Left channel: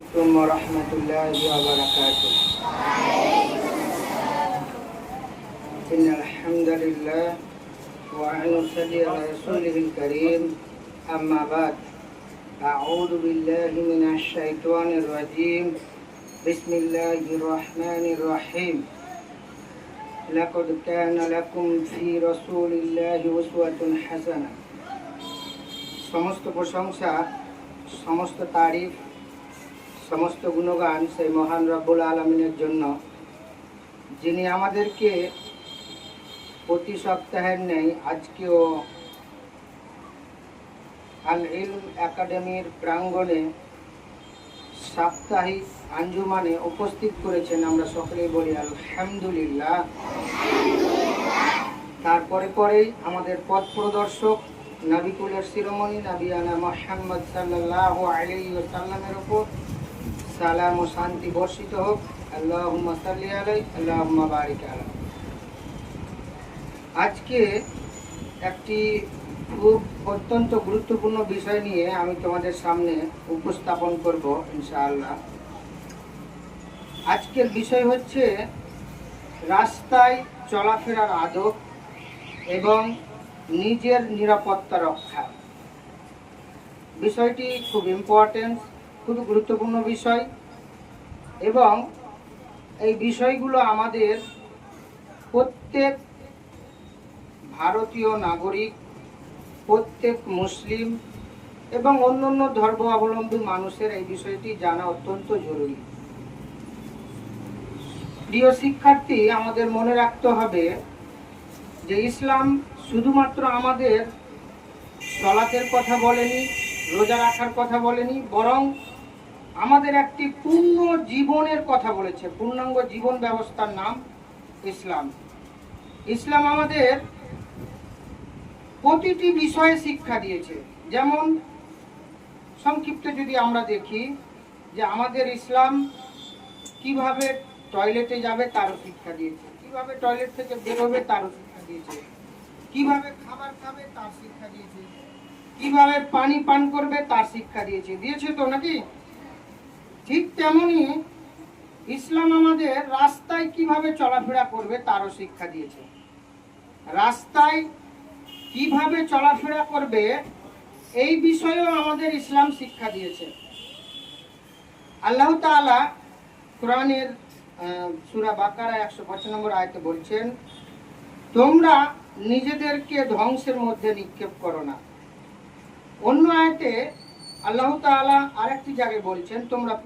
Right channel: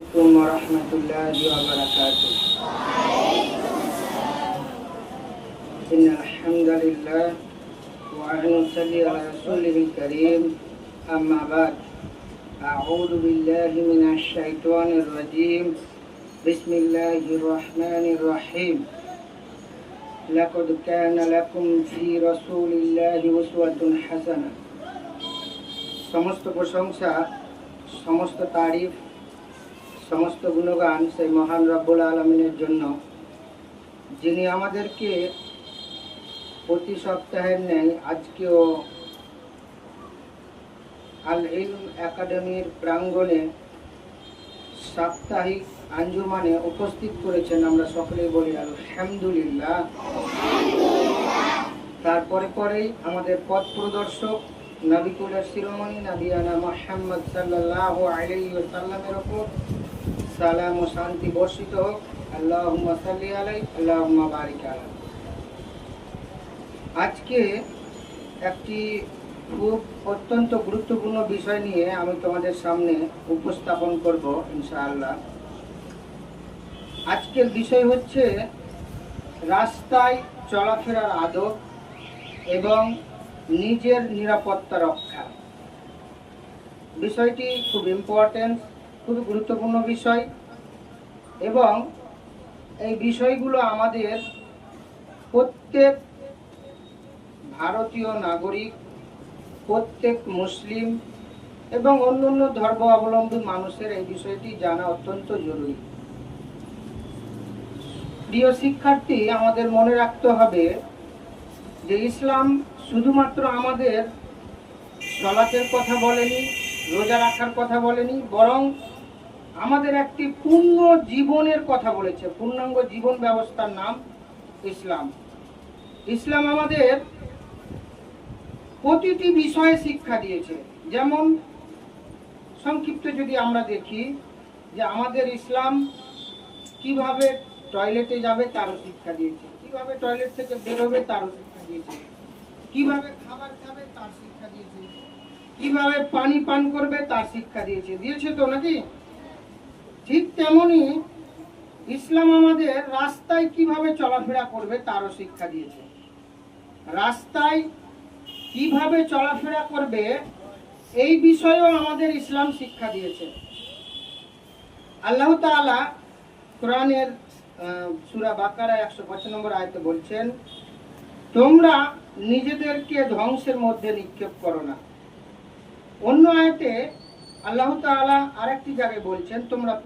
عليكم ورحمة الله وبركاته. إن الحمد لله ونصلي على رسوله الكريم. أما بعد، أعوذ بالله من الشيطان الرجيم. بسم الله الرحمن الرحيم. لقد كان لكم في رسول الله أسوة حسنة. সমস্ত প্রশংসা, সমস্ত তারিফ, সমস্ত গুণগান সেই মহান রব্বুল আলামিনের জন্য, যিনি আমাদেরকে প্রতি সপ্তাহের ন্যায় আজকেও আল ইলম একাডেমির প্রাঙ্গণে সাপ্তাহিক আঞ্জুমানে উপস্থিত করেছেন। আমরা সকলেই বলি আলহামদুলিল্লাহ। তারপরে পরেই আমাদের পথ প্রদর্শক নবিকুলের শিরোমণি নবিয়ানা মুহাম্মদ সাল্লাল্লাহু আলাইহি ওয়াসাল্লামের উপর সালাম ও শান্তি বর্ষিত হোক। আল্লাহুম্মা সাল্লি আলাইহি আল্লাহুম্মা বারিক আলাইহি। আজকে একটি খুব অত্যন্ত গুরুত্বপূর্ণ বিষয় নিয়ে আমি তোমাদের সামনে উপস্থাপন করব ইনশাআল্লাহ। আজকের বিষয় হচ্ছে রাস্তায় চলাফেরার আদব এবং নিজের নিরাপত্তা রক্ষা। বিষয়টি খুব ইম্পর্টেন্ট, খুব গুরুত্বপূর্ণ বিষয়, এবং এই বিষয়গুলো আমাদের প্রত্যেক ভারতীয় নাগরিক, প্রত্যেক মুসলিম এবং অন্যান্য ধর্মাবলম্বী মানুষের এই বিষয়টি জানা অত্যন্ত জরুরি। প্রিয় শিক্ষার্থী, আমাদের মনে রাখতে হবে যে ইসলাম শুধুমাত্র আমাদের সালাতের কথা বলেনি, রোজা রাখার কথা বলেনি, বরং আমাদের একটি পূর্ণ জীবনের কথা বলেছে। পূর্ণাঙ্গ জীবন ব্যবস্থার নাম ইসলাম। ইসলাম আমাদের প্রতিটি বিষয়ে শিক্ষা দিয়েছে। যেমন সংক্ষিপ্ত যদি আমরা দেখি যে আমাদের ইসলাম কিভাবে টয়লেটে যাবে তারও শিক্ষা দিয়েছে, কিভাবে টয়লেট থেকে বের হবে তারও শিক্ষা দিয়েছে, কিভাবে খাবার খাবে তার শিক্ষা দিয়েছে, কিভাবে পানি পান করবে তার শিক্ষা দিয়েছে তো নাকি? ঠিক তেমনি ইসলাম আমাদের রাস্তায় কিভাবে চলাফেরা করবে তারও শিক্ষা দিয়েছে। রাস্তায় কিভাবে চলাফেরা করবে এই বিষয়েও আমাদের ইসলাম শিক্ষা দিয়েছে। আল্লাহ তাআলা কোরআনের সূরা বাকারা 105 নম্বর আয়াতে বলছেন, তোমরা নিজেদেরকে ধ্বংসের মধ্যে নিক্ষেপ করো না। অন্য আয়াতে আল্লাহ তাআলা আরেকটি জায়গায় বলছেন, তোমরা